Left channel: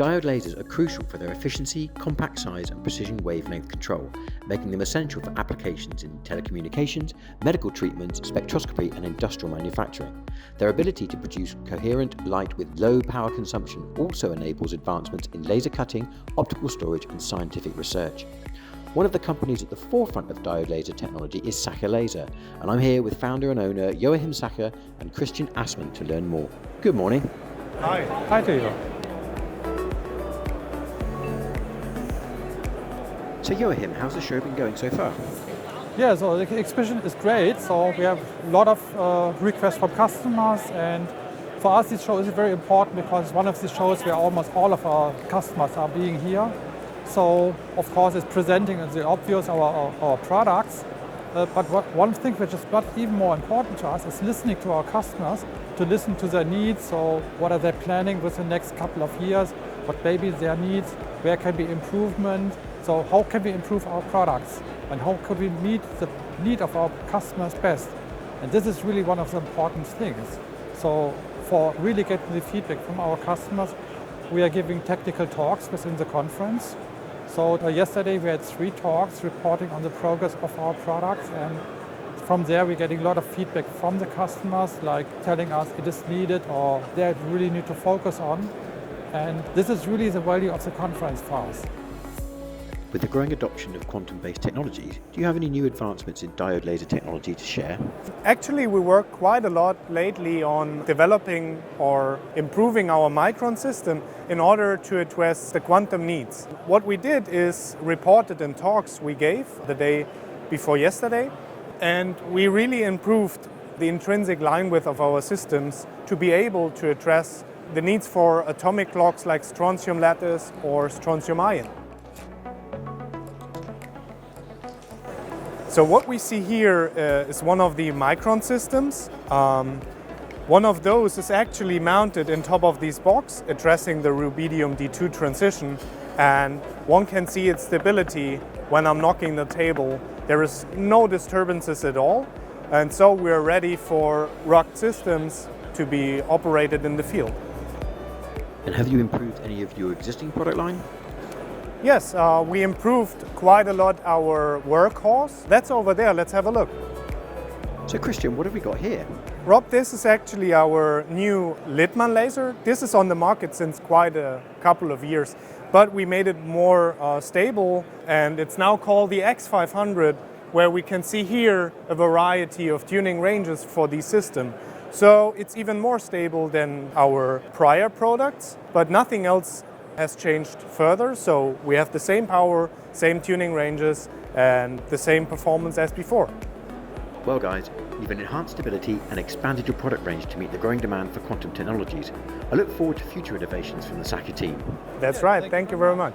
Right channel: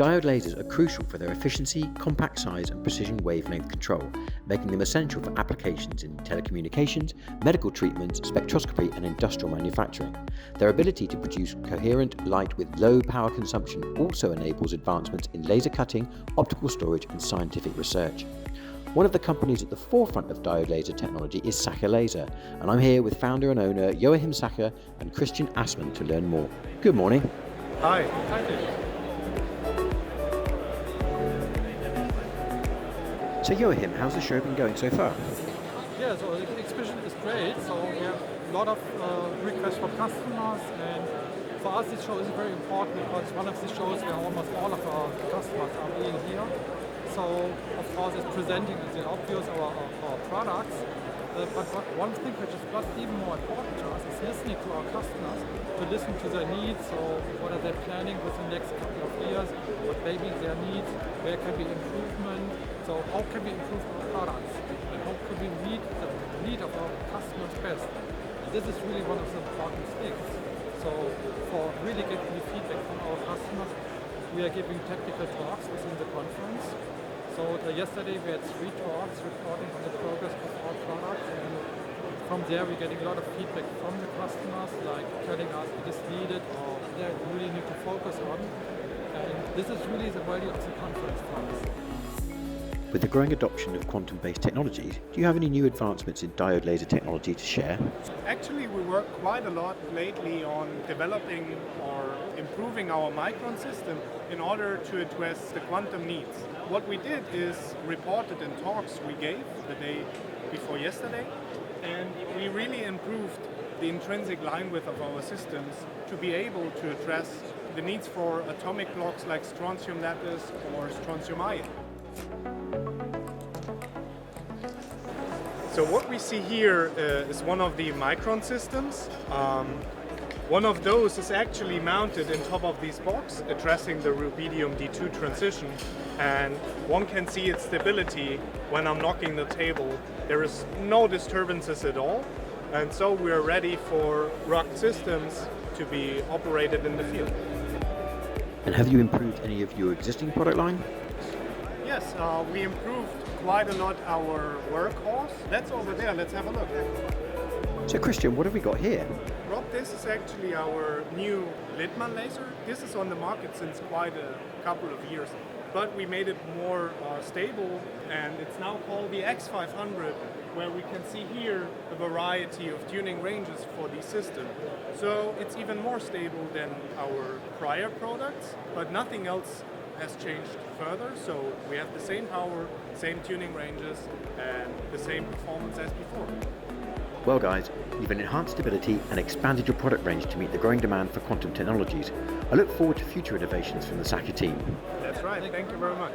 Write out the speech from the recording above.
Diode lasers are crucial for their efficiency, compact size and precision wavelength control, making them essential for applications in telecommunications, medical treatments, spectroscopy and industrial manufacturing. Their ability to produce coherent light with low power consumption also enables advancements in laser cutting, optical storage and scientific research. One of the companies at the forefront of diode laser technology is Sacher Laser, and I'm here with founder and owner Joachim Sacher and Christian Aßmann to learn more. Good morning. Hi. Hi to you. So Joachim, how's the show been going so far? Yeah, so the exhibition is great. So we have a lot of requests from customers, and for us this show is very important because one of the shows where almost all of our customers are being here. So of course it's presenting the obvious our products, but one thing which is not even more important to us is listening to our customers, to listen to their needs. So what are they planning with the next couple of years? What may be their needs? Where can be improvement? So how can we improve our products? And how could we meet the need of our customers best? And this is really one of the important things. So for really getting the feedback from our customers, we are giving technical talks within the conference. So yesterday we had 3 talks reporting on the progress of our products, and from there we're getting a lot of feedback from the customers, like telling us it is needed or they really need to focus on. And this is really the value of the conference for us. With the growing adoption of quantum-based technologies, do you have any new advancements in diode laser technology to share? Actually, we work quite a lot lately on developing or improving our micron system in order to address the quantum needs. What we did is reported in talks we gave the day before yesterday, and we really improved the intrinsic line width of our systems to be able to address the needs for atomic clocks like strontium lattice or strontium ion. So what we see here is one of the micron systems. One of those is actually mounted on top of this box, addressing the rubidium D2 transition. And one can see its stability when I'm knocking the table. There is no disturbances at all. And so we're ready for rugged systems to be operated in the field. And have you improved any of your existing product line? Yes, we improved quite a lot our workhorse. That's over there, let's have a look. So Christian, what have we got here? Rob, this is actually our new Littmann laser. This is on the market since quite a couple of years, but we made it more stable, and it's now called the X500, where we can see here a variety of tuning ranges for the system. So it's even more stable than our prior products, but nothing else has changed further. So we have the same power, same tuning ranges, and the same performance as before. Well guys, you've enhanced stability and expanded your product range to meet the growing demand for quantum technologies. I look forward to future innovations from the Sacher team. That's right, thank you very much.